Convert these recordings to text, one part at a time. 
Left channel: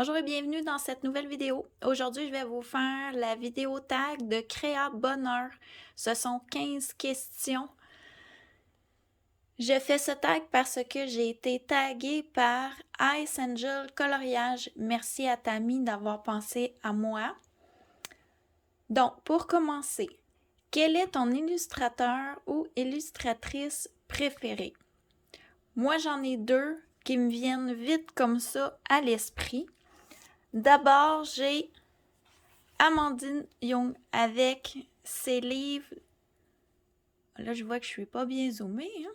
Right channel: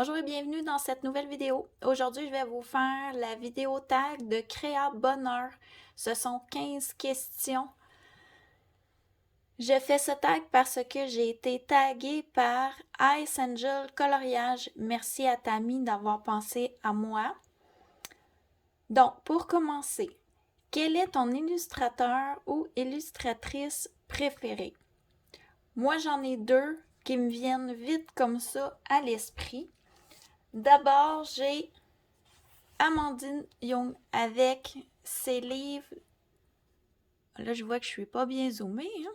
Bonjour et bienvenue dans cette nouvelle vidéo. Aujourd'hui, je vais vous faire la vidéo tag de Créa Bonheur. Ce sont 15 questions. Je fais ce tag parce que j'ai été taguée par Ice Angel Coloriage. Merci à Tammy d'avoir pensé à moi. Donc, pour commencer, quel est ton illustrateur ou illustratrice préférée? Moi, j'en ai deux qui me viennent vite comme ça à l'esprit. D'abord, j'ai Amandine Young avec ses livres. Là, je vois que je suis pas bien zoomée. Hein?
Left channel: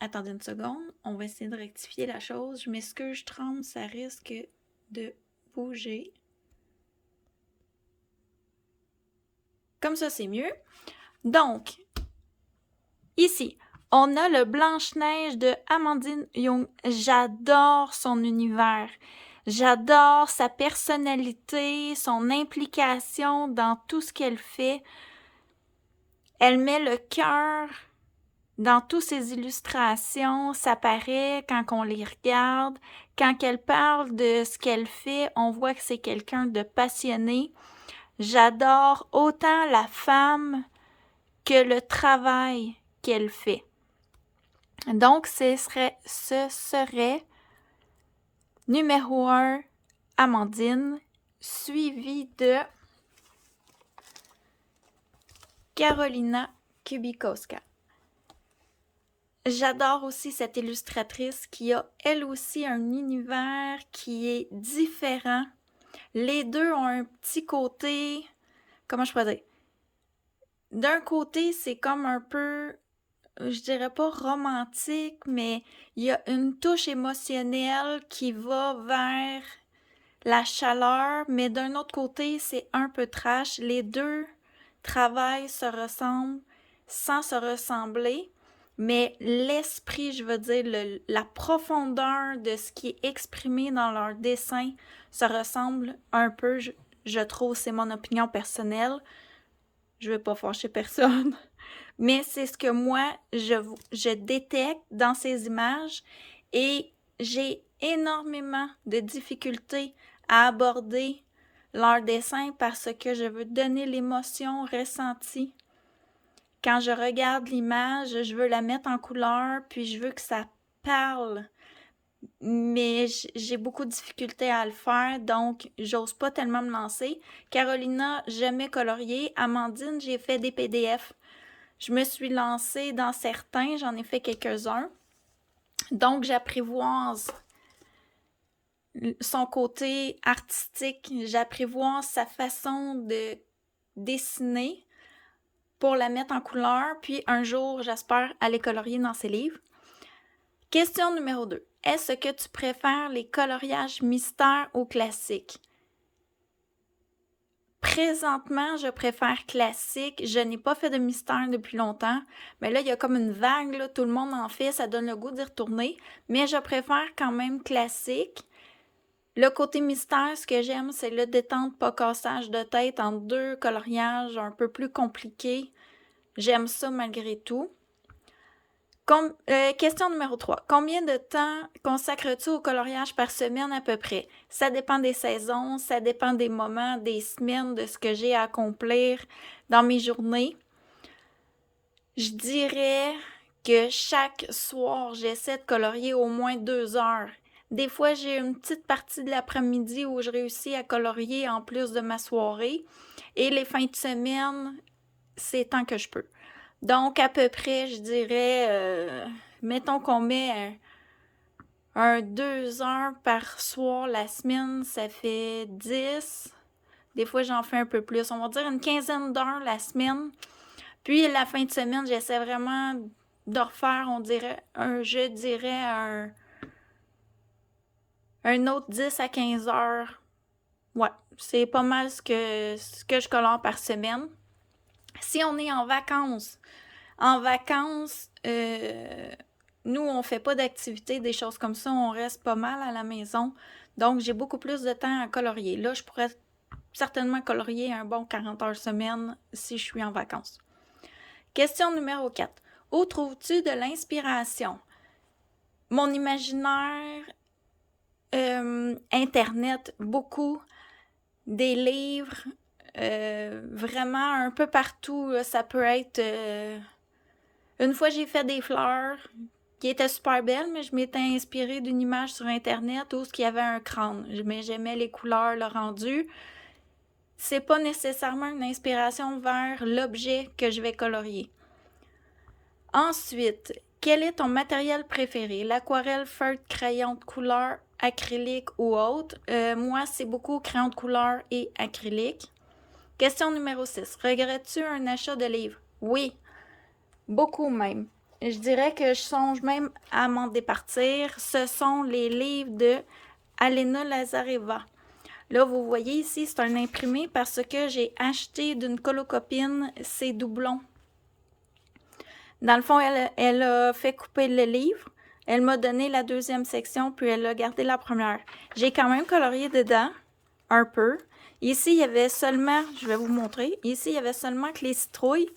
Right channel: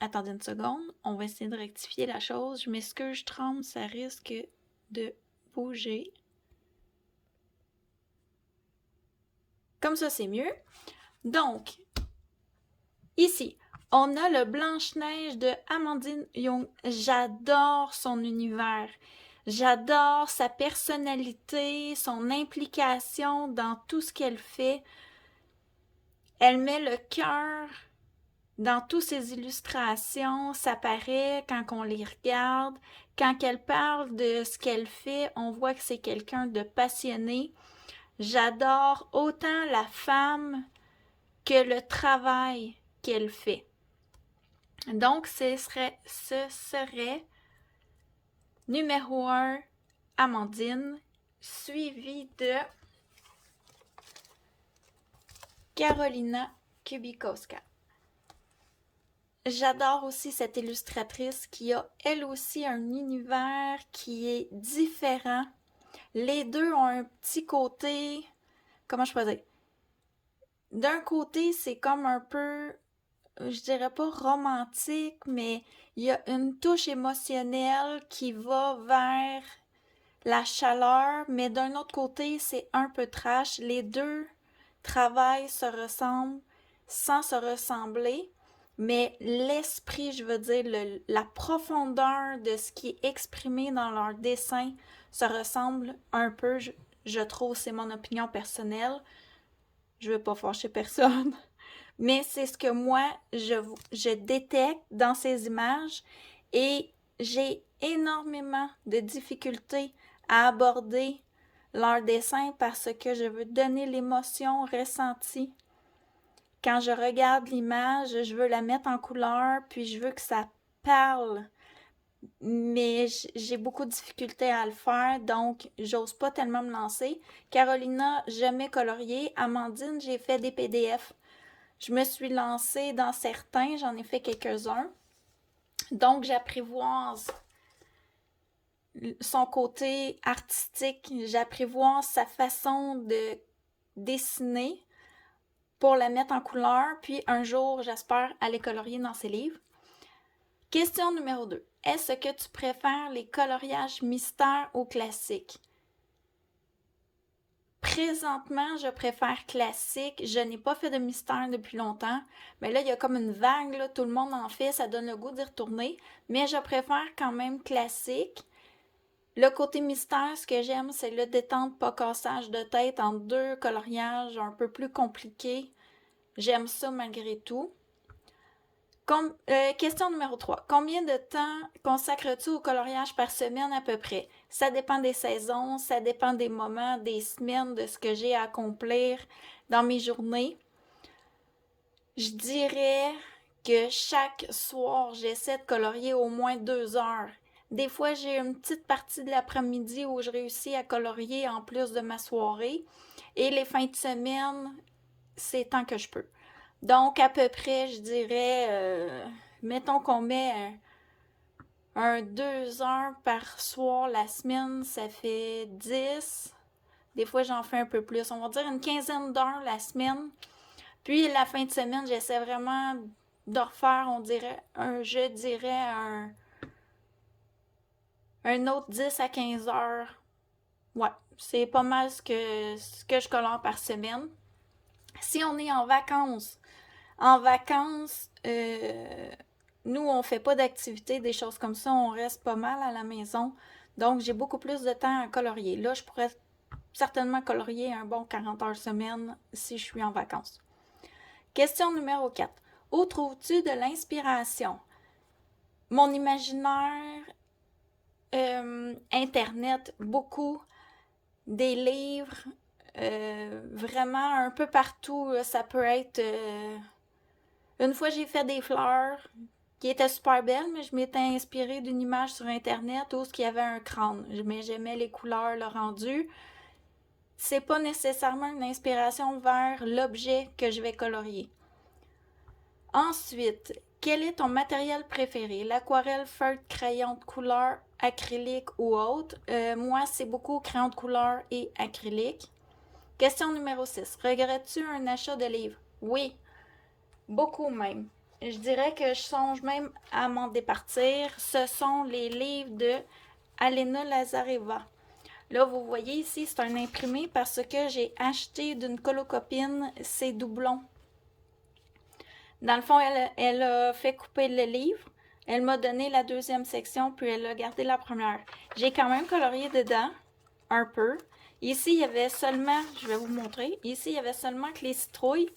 Attendez une seconde. On va essayer de rectifier la chose. Je m'excuse, je tremble, ça risque de bouger. Comme ça, c'est mieux. Donc, ici, on a le Blanche-Neige de Amandine Young. J'adore son univers. J'adore sa personnalité, son implication dans tout ce qu'elle fait. Elle met le cœur dans toutes ses illustrations. Ça paraît quand on les regarde. Quand elle parle de ce qu'elle fait, on voit que c'est quelqu'un de passionné. J'adore autant la femme que le travail qu'elle fait. Donc, ce serait numéro 1, Amandine, suivi de Carolina Kubikowska. J'adore aussi cette illustratrice qui a elle aussi un univers qui est différent. Les deux ont un petit côté, comment je pourrais dire? D'un côté, c'est comme un peu, je dirais pas romantique, mais il y a une touche émotionnelle qui va vers la chaleur, mais d'un autre côté, c'est un peu trash. Les deux travails se ressemblent sans se ressembler, mais l'esprit, je veux dire, la profondeur de ce qui est exprimé dans leur dessin se ressemble un peu, je trouve, c'est mon opinion personnelle. Je ne vais pas fâcher personne, mais c'est ce que moi, je détecte dans ces images et j'ai énormément de difficultés à aborder leur dessin parce que je veux donner l'émotion ressentie. Quand je regarde l'image, je veux la mettre en couleur, puis je veux que ça parle. Mais j'ai beaucoup de difficultés à le faire, donc j'ose pas tellement me lancer. Carolina, jamais colorié. Amandine, j'ai fait des PDF. Je me suis lancée dans certains, j'en ai fait quelques-uns. Donc, j'apprivoise son côté artistique, j'apprivoise sa façon de dessiner pour la mettre en couleur, puis un jour, j'espère aller colorier dans ses livres. Question numéro 2. Est-ce que tu préfères les coloriages mystères ou classiques? Présentement, je préfère classique. Je n'ai pas fait de mystère depuis longtemps. Mais là, il y a comme une vague, là, tout le monde en fait, ça donne le goût d'y retourner. Mais je préfère quand même classique. Le côté mystère, ce que j'aime, c'est le détente, pas cassage de tête en deux coloriages un peu plus compliqués. J'aime ça malgré tout. Question numéro 3. Combien de temps consacres-tu au coloriage par semaine à peu près? Ça dépend des saisons, ça dépend des moments, des semaines, de ce que j'ai à accomplir dans mes journées. Je dirais que chaque soir, j'essaie de colorier au moins 2 heures. Des fois, j'ai une petite partie de l'après-midi où je réussis à colorier en plus de ma soirée. Et les fins de semaine, c'est tant que je peux. Donc, à peu près, je dirais, mettons qu'on met un 2 heures par soir la semaine, ça fait 10. Des fois, j'en fais un peu plus. On va dire une quinzaine d'heures la semaine. Puis, la fin de semaine, j'essaie vraiment de refaire, je dirais un autre 10 à 15 heures. Ouais, c'est pas mal ce que je colore par semaine. Si on est en vacances, nous, on fait pas d'activités, des choses comme ça. On reste pas mal à la maison. Donc, j'ai beaucoup plus de temps à colorier. Là, je pourrais certainement colorier un bon 40 heures semaine si je suis en vacances. Question numéro 4. Où trouves-tu de l'inspiration? Mon imaginaire Internet, beaucoup, des livres, vraiment un peu partout. Ça peut être... une fois, j'ai fait des fleurs qui étaient super belles, mais je m'étais inspirée d'une image sur Internet où il y avait un crâne. Mais j'aimais les couleurs, le rendu. C'est pas nécessairement une inspiration vers l'objet que je vais colorier. Ensuite, quel est ton matériel préféré? L'aquarelle, feutre, crayon de couleur, acrylique ou autre? Moi, c'est beaucoup crayon de couleur et acrylique. Question numéro 6. Regrettes-tu un achat de livre? Oui, beaucoup même. Je dirais que je songe même à m'en départir. Ce sont les livres de Alena Lazareva. Là, vous voyez ici, c'est un imprimé parce que j'ai acheté d'une colocopine ces doublons. Dans le fond, elle a fait couper le livre. Elle m'a donné la deuxième section, puis elle a gardé la première. J'ai quand même colorié dedans, un peu. Ici, il y avait seulement, je vais vous montrer, ici, il y avait seulement que les citrouilles.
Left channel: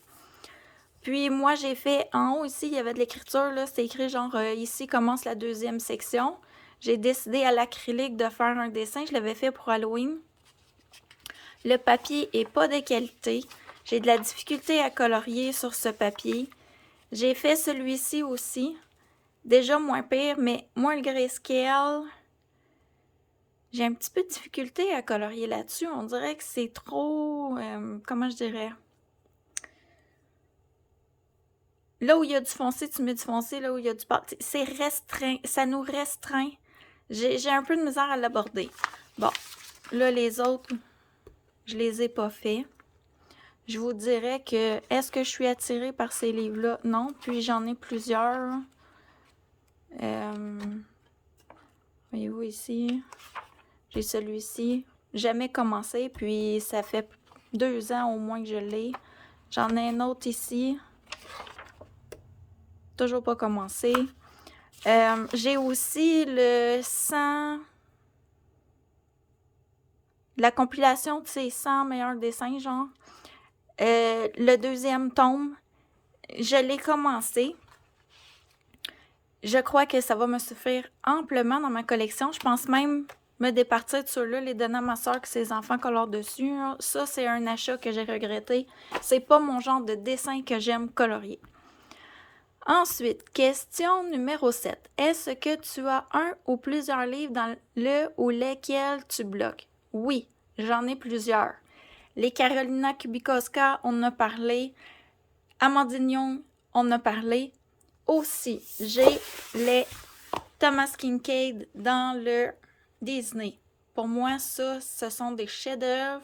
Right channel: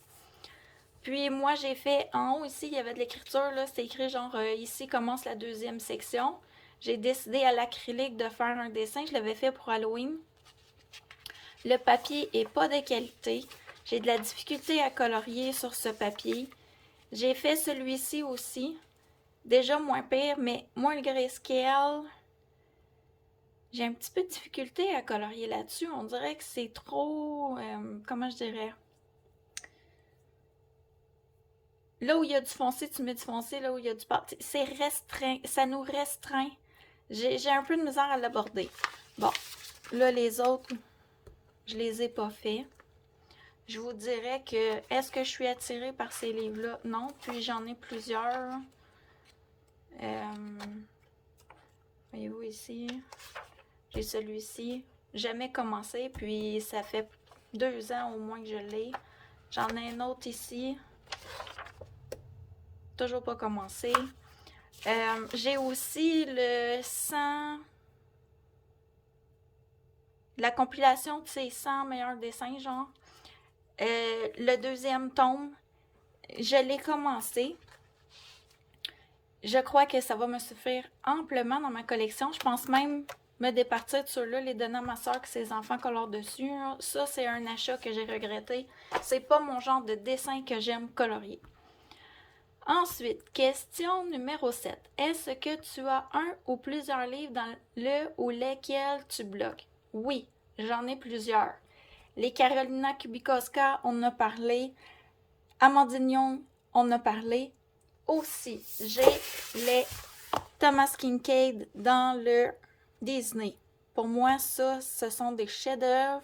Puis moi, j'ai fait, en haut ici, il y avait de l'écriture, là, c'était écrit genre, ici commence la deuxième section. J'ai décidé à l'acrylique de faire un dessin, je l'avais fait pour Halloween. Le papier est pas de qualité. J'ai de la difficulté à colorier sur ce papier. J'ai fait celui-ci aussi. Déjà moins pire, mais moins le grayscale. J'ai un petit peu de difficulté à colorier là-dessus. On dirait que c'est trop... comment je dirais? Là où il y a du foncé, tu mets du foncé. Là où il y a du pâle, c'est restreint. Ça nous restreint. J'ai un peu de misère à l'aborder. Bon, là, les autres, je les ai pas faits. Je vous dirais que, est-ce que je suis attirée par ces livres-là? Non, puis j'en ai plusieurs. Voyez-vous ici, j'ai celui-ci. Jamais commencé, puis ça fait 2 ans au moins que je l'ai. J'en ai un autre ici. Toujours pas commencé. J'ai aussi le 100... la compilation de ces 100 meilleurs dessins, genre. Le deuxième tome, je l'ai commencé. Je crois que ça va me suffire amplement dans ma collection. Je pense même me départir de ceux-là, les donner à ma soeur que ses enfants colorent dessus. Ça, c'est un achat que j'ai regretté. C'est pas mon genre de dessin que j'aime colorier. Ensuite, question numéro 7. Est-ce que tu as un ou plusieurs livres dans le ou lesquels tu bloques? Oui, j'en ai plusieurs. Les Carolina Kubikowska, on en a parlé. Amandine Young, on en a parlé. Aussi, j'ai les Thomas Kinkade dans le Disney. Pour moi, ça, ce sont des chefs-d'œuvre.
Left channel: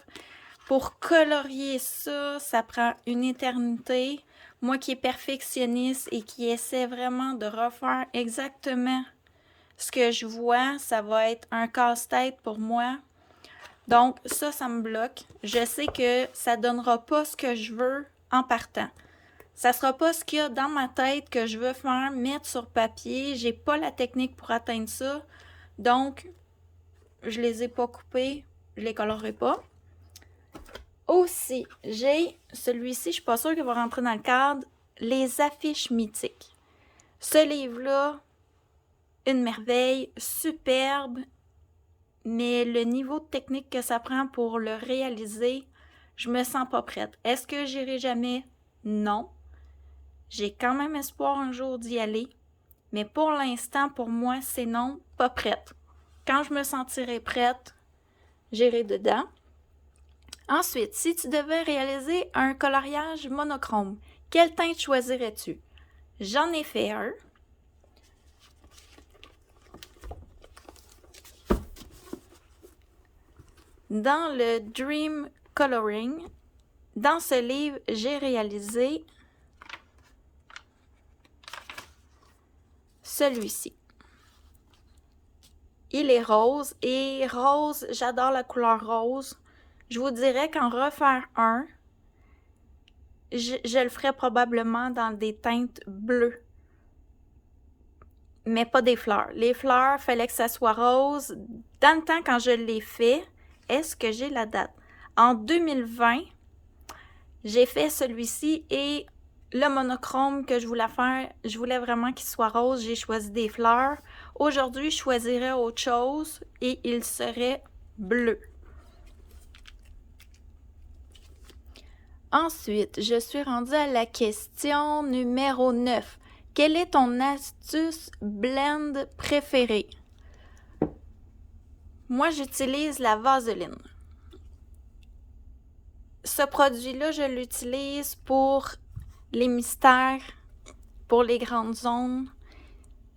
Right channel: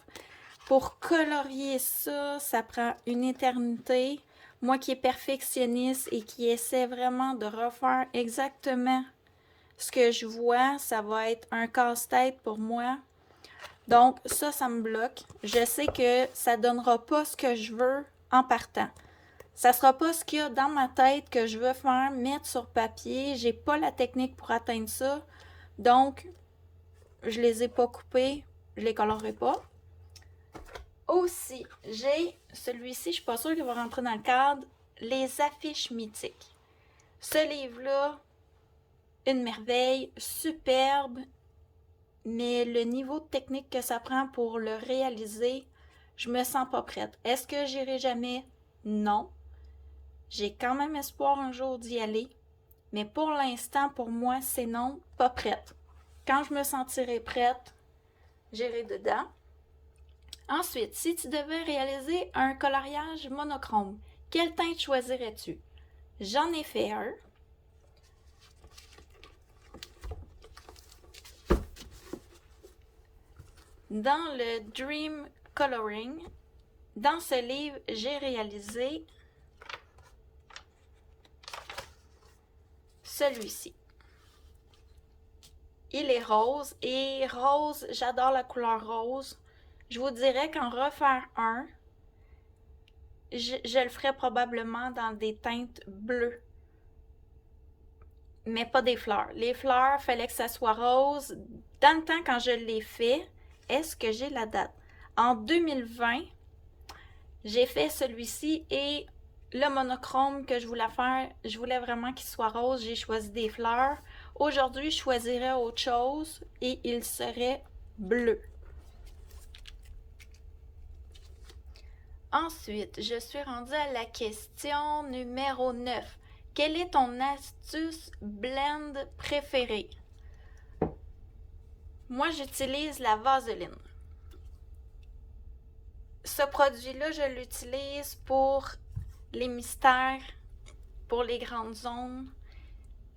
Pour colorier ça, ça prend une éternité. Moi qui est perfectionniste et qui essaie vraiment de refaire exactement ce que je vois, ça va être un casse-tête pour moi. Donc, ça me bloque. Je sais que ça ne donnera pas ce que je veux en partant. Ça ne sera pas ce qu'il y a dans ma tête que je veux faire, mettre sur papier. J'ai pas la technique pour atteindre ça. Donc, je les ai pas coupés. Je les colorerai pas. Aussi, j'ai celui-ci, je suis pas sûre qu'il va rentrer dans le cadre, Les affiches mythiques. Ce livre-là, une merveille, superbe, mais le niveau de technique que ça prend pour le réaliser, je me sens pas prête. Est-ce que j'irai jamais? Non. J'ai quand même espoir un jour d'y aller, mais pour l'instant, pour moi, c'est non, pas prête. Quand je me sentirai prête, j'irai dedans. Ensuite, si tu devais réaliser un coloriage monochrome, quelle teinte choisirais-tu? J'en ai fait un. Dans le Dream Coloring, dans ce livre, j'ai réalisé celui-ci. Il est rose et rose, j'adore la couleur rose. Je vous dirais qu'en refaire un, je le ferais probablement dans des teintes bleues. Mais pas des fleurs. Les fleurs, il fallait que ça soit rose. Dans le temps, quand je l'ai fait, est-ce que j'ai la date? En 2020, j'ai fait celui-ci et le monochrome que je voulais faire, je voulais vraiment qu'il soit rose. J'ai choisi des fleurs. Aujourd'hui, je choisirais autre chose et il serait bleu. Ensuite, je suis rendue à la question numéro 9. Quelle est ton astuce blend préférée? Moi, j'utilise la vaseline. Ce produit-là, je l'utilise pour les mystères, pour les grandes zones.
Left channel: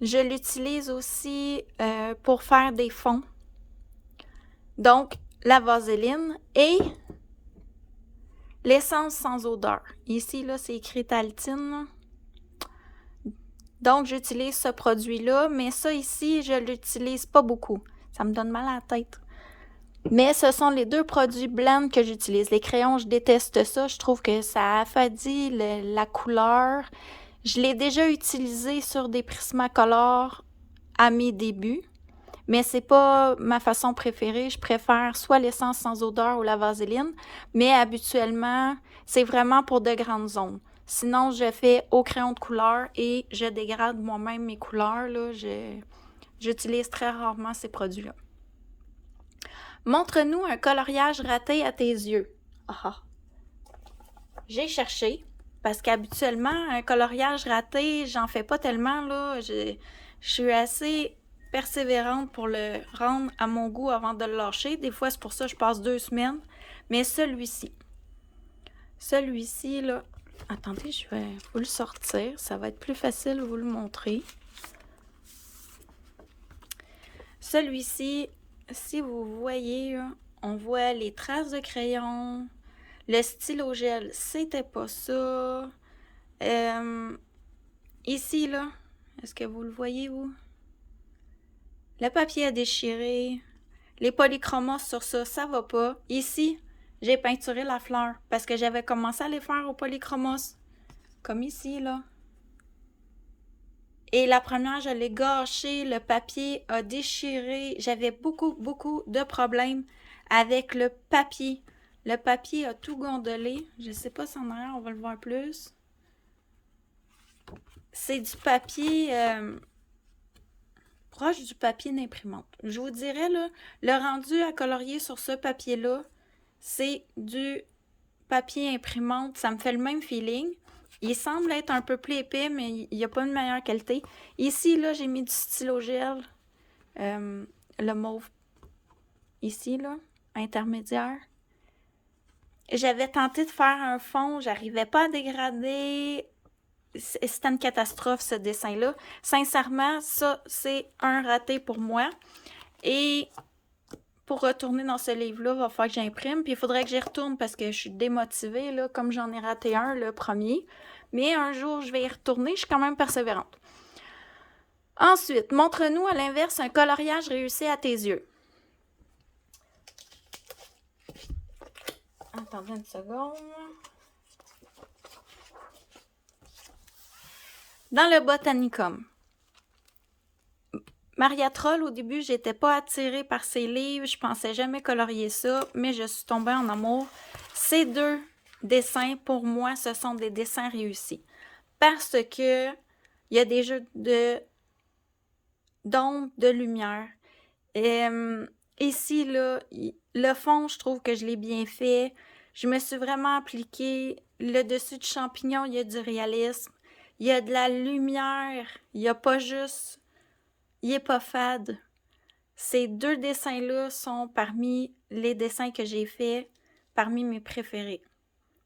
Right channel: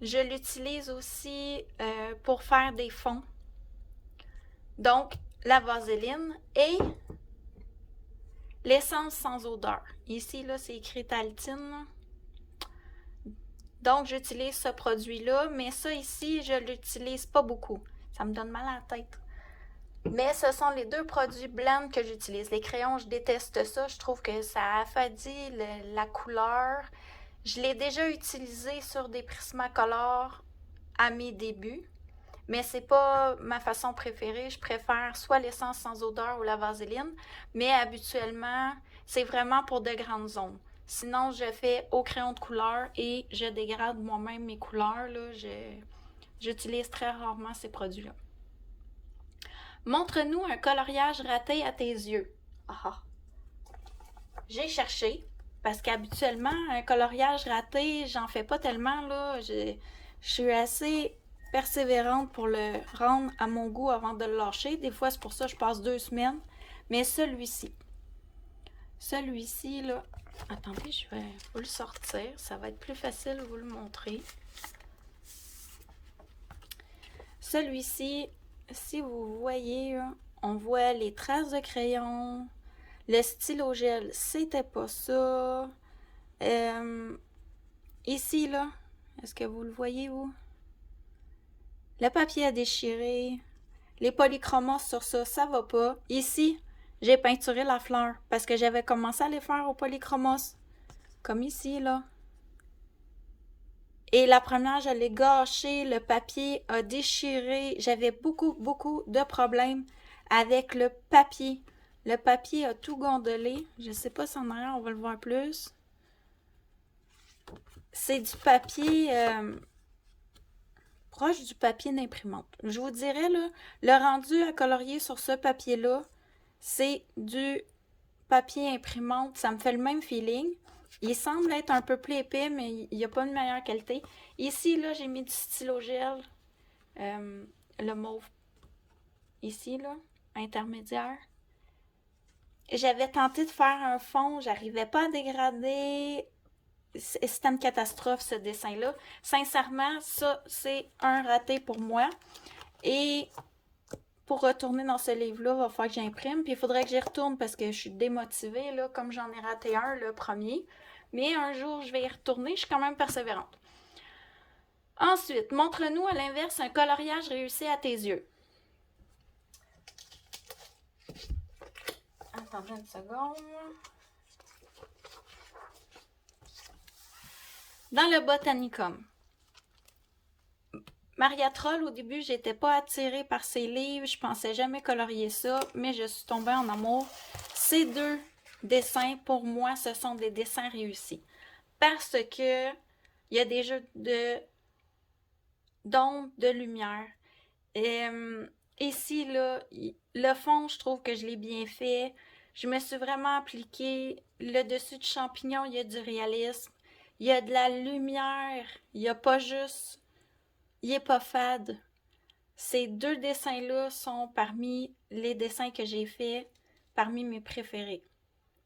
Je l'utilise aussi pour faire des fonds. Donc, la vaseline et l'essence sans odeur. Ici, là, c'est écrit Taltine. Donc, j'utilise ce produit-là, mais ça ici, je l'utilise pas beaucoup. Ça me donne mal à la tête. Mais ce sont les deux produits blend que j'utilise. Les crayons, je déteste ça. Je trouve que ça affadit la couleur. Je l'ai déjà utilisé sur des Prismacolor à mes débuts, mais c'est pas ma façon préférée. Je préfère soit l'essence sans odeur ou la vaseline, mais habituellement, c'est vraiment pour de grandes zones. Sinon, je fais au crayon de couleur et je dégrade moi-même mes couleurs. Là. J'utilise très rarement ces produits-là. Montre-nous un coloriage raté à tes yeux. Ah. J'ai cherché, parce qu'habituellement, un coloriage raté, j'en fais pas tellement, là. Je suis assez persévérante pour le rendre à mon goût avant de le lâcher. Des fois, c'est pour ça que je passe 2 semaines. Mais celui-ci, là, attendez, je vais vous le sortir. Ça va être plus facile de vous le montrer. Celui-ci, si vous voyez, là, on voit les traces de crayon. Le stylo gel, c'était pas ça. Ici, là, est-ce que vous le voyez, vous? Le papier à déchirer. Les polychromos sur ça, ça va pas. Ici, j'ai peinturé la fleur parce que j'avais commencé à les faire au polychromos. Comme ici, là. Et la première, je l'ai gâché. Le papier a déchiré. J'avais beaucoup, beaucoup de problèmes avec le papier. Le papier a tout gondolé. Je sais pas si en arrière, on va le voir plus. C'est du papier proche du papier d'imprimante. Je vous dirais, là, le rendu à colorier sur ce papier-là, c'est du papier imprimante. Ça me fait le même feeling. Il semble être un peu plus épais, mais il n'y a pas une meilleure qualité. Ici, là, j'ai mis du stylo gel. Le mauve. Ici, là, intermédiaire. J'avais tenté de faire un fond. J'arrivais pas à dégrader. C'était une catastrophe, ce dessin-là. Sincèrement, ça, c'est un raté pour moi. Et pour retourner dans ce livre-là, il va falloir que j'imprime. Puis il faudrait que j'y retourne parce que je suis démotivée, là, comme j'en ai raté un, le premier. Mais un jour, je vais y retourner. Je suis quand même persévérante. Ensuite, montre-nous à l'inverse un coloriage réussi à tes yeux. Attendez une seconde. Dans le Botanicum. Maria Troll, au début, j'étais pas attirée par ses livres. Je pensais jamais colorier ça, mais je suis tombée en amour. Ces deux dessins, pour moi, ce sont des dessins réussis. Parce que il y a des jeux d'ombre, de lumière. Et ici, là, le fond, je trouve que je l'ai bien fait. Je me suis vraiment appliquée. Le dessus du champignon, il y a du réalisme. Il y a de la lumière. Il n'y a pas juste... Il n'est pas fade. Ces deux dessins-là sont parmi les dessins que j'ai faits, parmi mes préférés.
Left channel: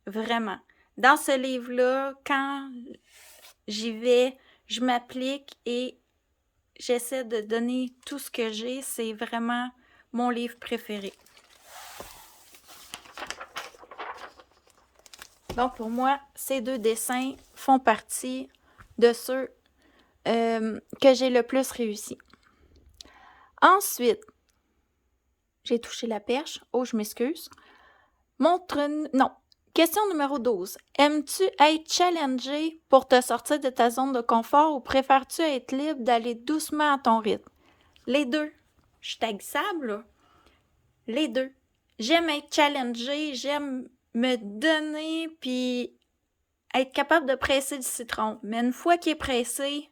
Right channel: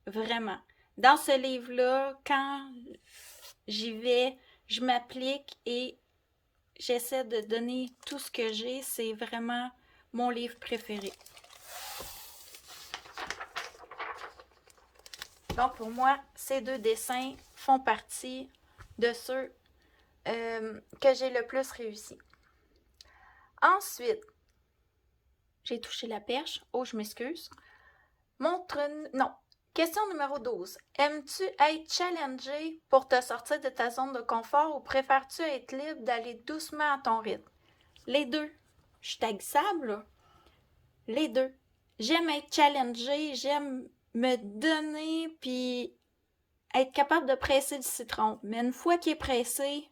Vraiment. Dans ce livre-là, quand j'y vais, je m'applique et j'essaie de donner tout ce que j'ai. C'est vraiment mon livre préféré. Donc, pour moi, ces deux dessins font partie de ceux que j'ai le plus réussi. Ensuite, j'ai touché la perche. Oh, je m'excuse. Non. Question numéro 12. Aimes-tu être challengé pour te sortir de ta zone de confort ou préfères-tu être libre d'aller doucement à ton rythme? Les deux. Je suis taxable, là. Les deux. J'aime être challengée, j'aime me donner, puis être capable de presser du citron. Mais une fois qu'il est pressé,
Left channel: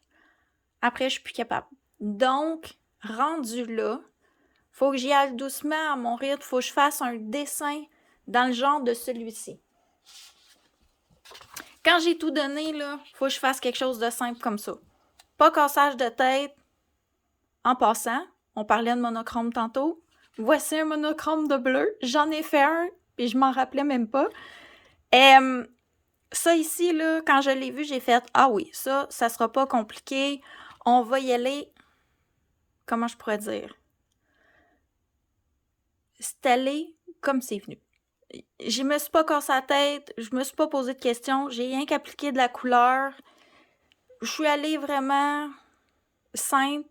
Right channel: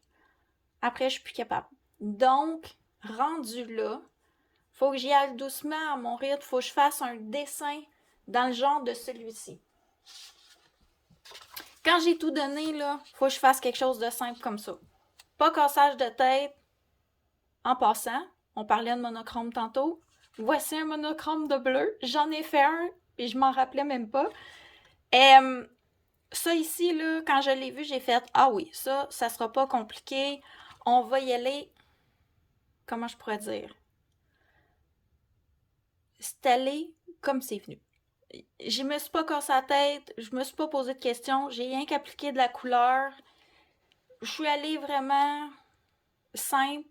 après, je suis plus capable. Donc, rendu là, faut que j'y aille doucement à mon rythme, faut que je fasse un dessin dans le genre de celui-ci. Quand j'ai tout donné, là, faut que je fasse quelque chose de simple comme ça. Pas cassage de tête. En passant, on parlait de monochrome tantôt. Voici un monochrome de bleu. J'en ai fait un, et je m'en rappelais même pas. Ça ici, là, quand je l'ai vu, j'ai fait « Ah oui, ça sera pas compliqué. On va y aller. » Comment je pourrais dire? C'est allé comme c'est venu. Je me suis pas cassé la tête, je me suis pas posé de questions, j'ai rien qu'appliqué de la couleur. Je suis allée vraiment simple.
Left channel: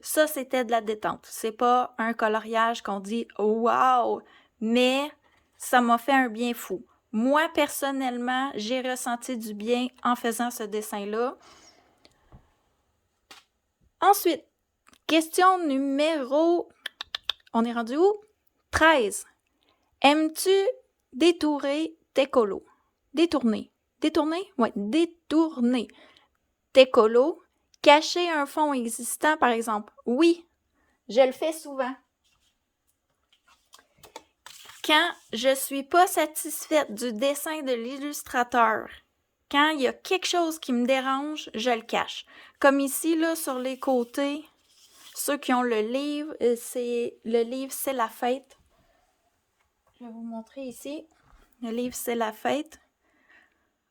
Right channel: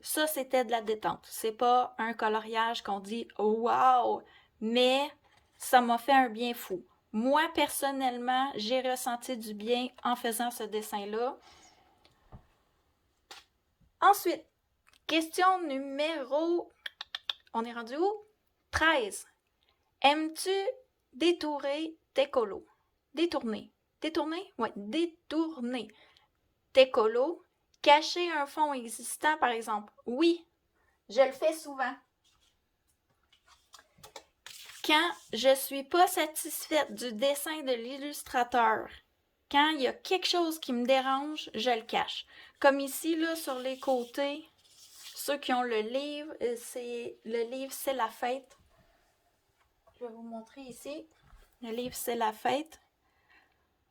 Ça, c'était de la détente. C'est pas un coloriage qu'on dit « Wow! » Mais ça m'a fait un bien fou. Moi, personnellement, j'ai ressenti du bien en faisant ce dessin-là. Ensuite, question numéro... On est rendu où? 13. Aimes-tu détourer tes colos? Détourner. Détourner? Oui, détourner tes colos. Cacher un fond existant, par exemple. Oui, je le fais souvent. Quand je ne suis pas satisfaite du dessin de l'illustrateur, quand il y a quelque chose qui me dérange, je le cache. Comme ici, là, sur les côtés, ceux qui ont le livre, c'est la fête. Je vais vous montrer ici. Le livre, c'est la fête.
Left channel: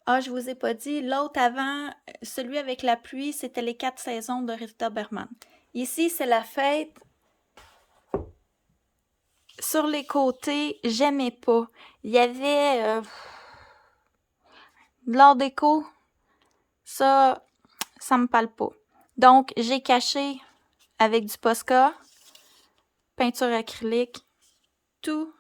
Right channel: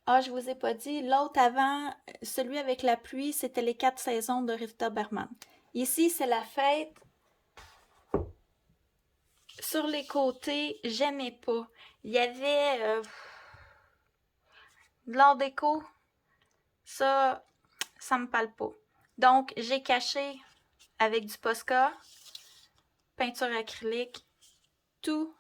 Ah, je vous ai pas dit, l'autre avant, celui avec la pluie, c'était les 4 saisons de Rita Berman. Ici, c'est la fête. Sur les côtés, j'aimais pas. Il y avait de l'art déco. Ça me parle pas. Donc, j'ai caché avec du Posca, peinture acrylique, tous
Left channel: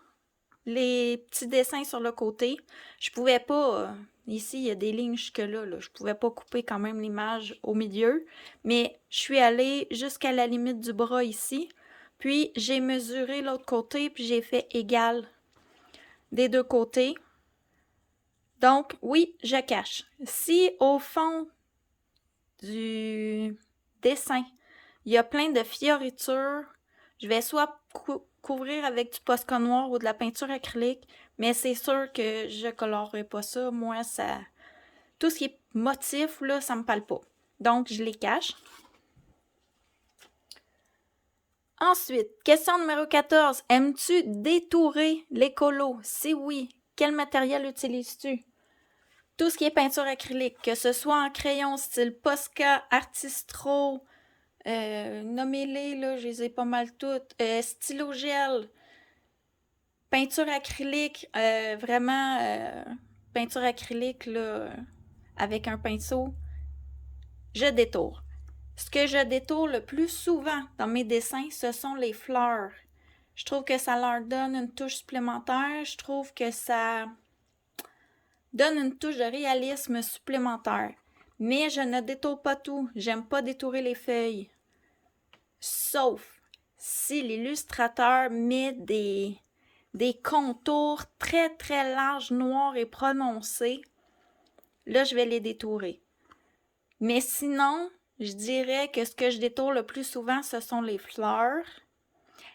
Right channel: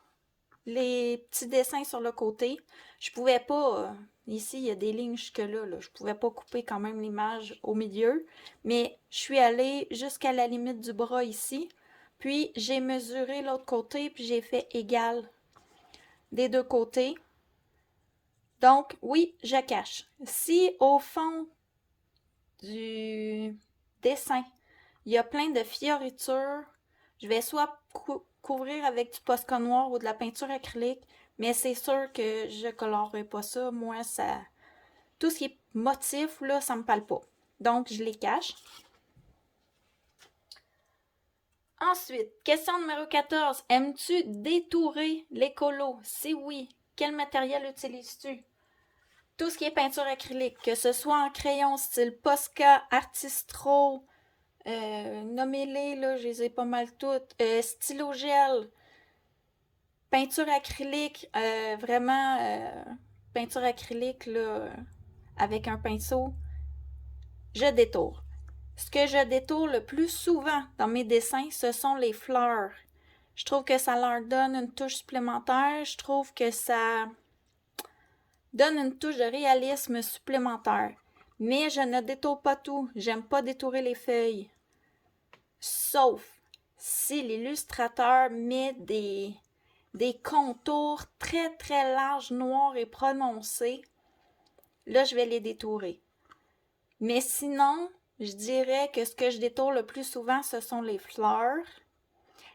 les petits dessins sur le côté. Je pouvais pas... ici, il y a des lignes jusque-là. Là. Je pouvais pas couper quand même l'image au milieu. Mais je suis allée jusqu'à la limite du bras ici. Puis, j'ai mesuré l'autre côté, puis j'ai fait égal des deux côtés. Donc, oui, je cache. Si au fond du dessin, il y a plein de fioritures, je vais soit couvrir avec du Posca noir ou de la peinture acrylique, mais c'est sûr que je colorerai pas ça. Moi, ça... Tout ce qui est motif, là, ça me parle pas. Donc, je les cache. Ensuite, question numéro 14. Aimes-tu détourer les colos? Si oui, quel matériel utilises-tu? Tout ce qui est peinture acrylique, que ce soit en crayon style Posca, Artistro, nommez-les, là, je les ai pas mal toutes. Stylo gel, peinture acrylique, peinture acrylique là, avec un pinceau, je détourne. Ce que je détourne le plus souvent dans mes dessins, ce sont les fleurs. Je trouve que ça leur donne une touche supplémentaire. Je trouve que ça donne une touche de réalisme supplémentaire. Mais je ne détourne pas tout. J'aime pas détourer les feuilles. Sauf si l'illustrateur met des contours très très larges, noirs et prononcés. Là, je vais les détourer. Mais sinon, je dirais que ce que je détourne le plus souvent, ce sont les fleurs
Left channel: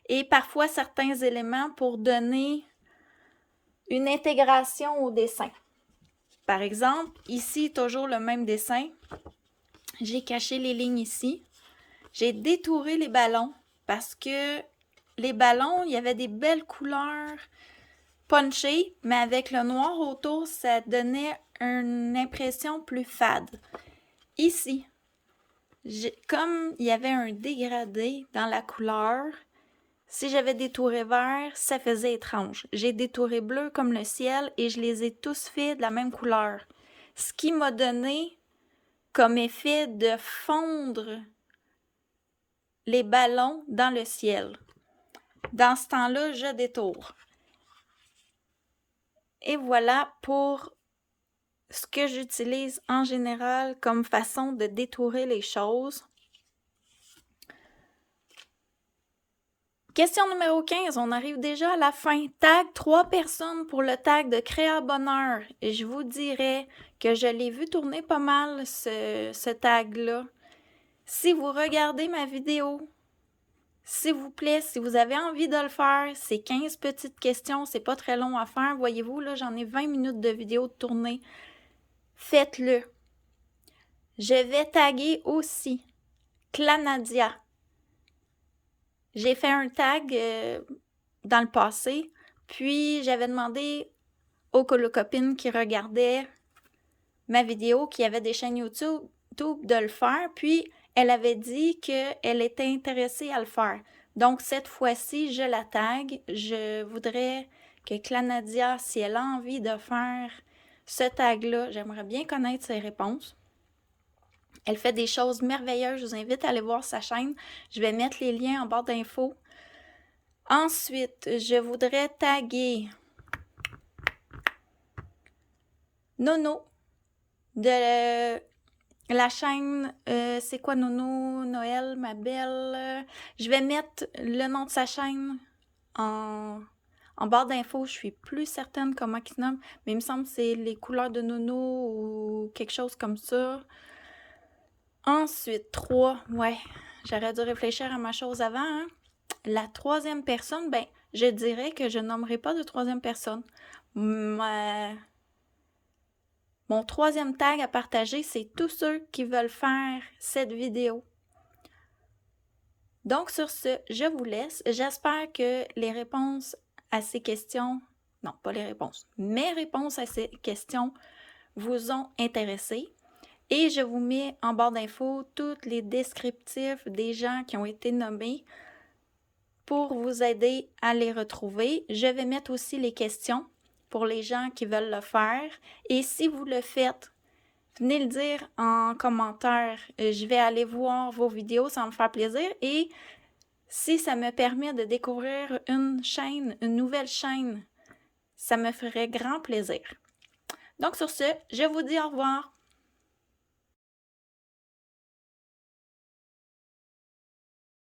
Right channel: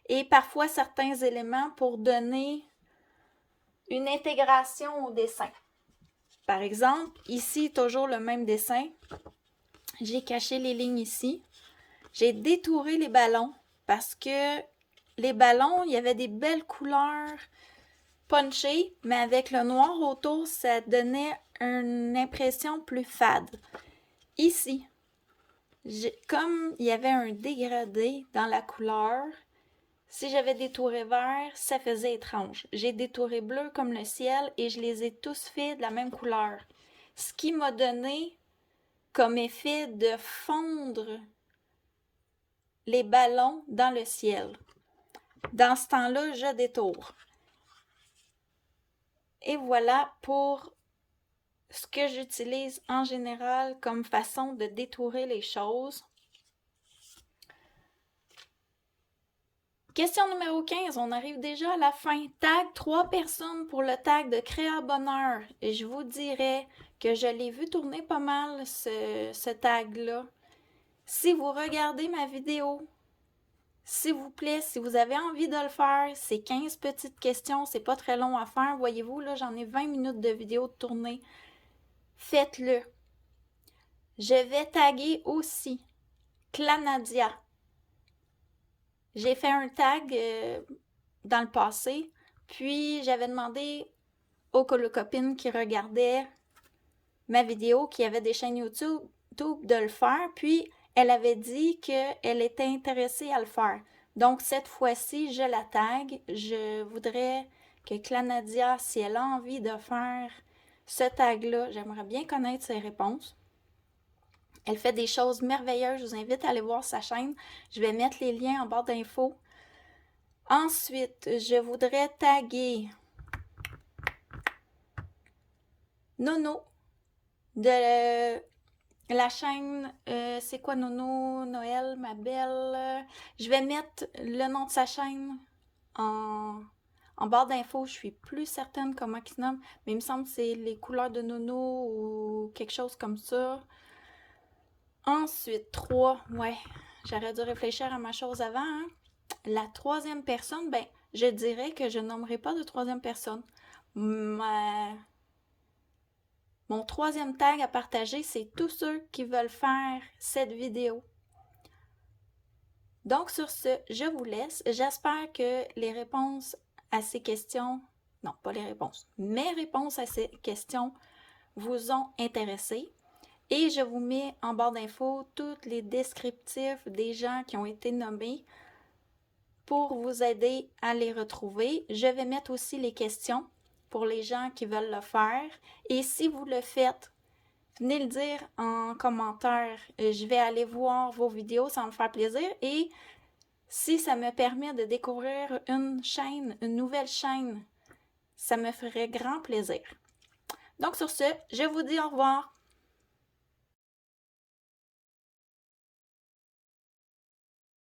et parfois certains éléments pour donner une intégration au dessin. Par exemple, ici, toujours le même dessin. J'ai caché les lignes ici. J'ai détouré les ballons parce que les ballons, il y avait des belles couleurs punchées, mais avec le noir autour, ça donnait une impression plus fade. Ici, comme il y avait un dégradé dans la couleur, si j'avais détouré vert, ça faisait étrange. J'ai détouré bleu comme le ciel et je les ai tous faits de la même couleur. Ce qui m'a donné comme effet de fondre les ballons dans le ciel. Dans ce temps-là, je détourne. Et voilà pour ce que j'utilise en général comme façon de détourer les choses. Question numéro 15, on arrive déjà à la fin. Tag 3 personnes pour le tag de Créa Bonheur. Et je vous dirais que je l'ai vu tourner pas mal, ce tag-là. Si vous regardez ma vidéo, s'il vous plaît, si vous avez envie de le faire, c'est 15 petites questions, c'est pas très long à faire. Voyez-vous, là, j'en ai 20 minutes de vidéo de tournée. Faites-le. Je vais taguer aussi Clanadia. J'ai fait un tag dans le passé, puis j'avais demandé aux copines qui regardaient ma vidéo, qui avaient des chaînes YouTube, de le faire, puis elle avait dit qu'elle était intéressée à le faire. Donc, cette fois-ci, je la tag. Je voudrais que Clanadia, si elle a envie de faire ce tag-là, j'aimerais bien connaître ses réponses. Elle fait des choses merveilleuses. Je vous invite à aller voir sa chaîne. Je vais mettre les liens en barre d'infos. Ensuite, je voudrais taguer Nono de la chaîne, c'est quoi Nono, Noël, ma belle? Je vais mettre le nom de sa chaîne en barre d'infos. Je suis plus certaine comment il se nomme, mais il me semble que c'est les couleurs de Nono ou quelque chose comme ça. Ensuite, 3, ouais, j'aurais dû réfléchir à ma chose avant. Hein? La troisième personne, ben, je dirais que je nommerai pas de troisième personne. Mon troisième tag à partager, c'est tous ceux qui veulent faire cette vidéo. Donc, sur ce, je vous laisse. J'espère que les réponses à ces questions, non, pas les réponses, mes réponses à ces questions vous ont intéressé. Et je vous mets en barre d'infos tous les descriptifs des gens qui ont été nommés pour vous aider à les retrouver. Je vais mettre aussi les questions pour les gens qui veulent le faire. Et si vous le faites, venez le dire en commentaire. Je vais aller voir vos vidéos, ça va me faire plaisir. Et si ça me permet de découvrir une chaîne, une nouvelle chaîne, ça me ferait grand plaisir. Donc sur ce, je vous dis au revoir.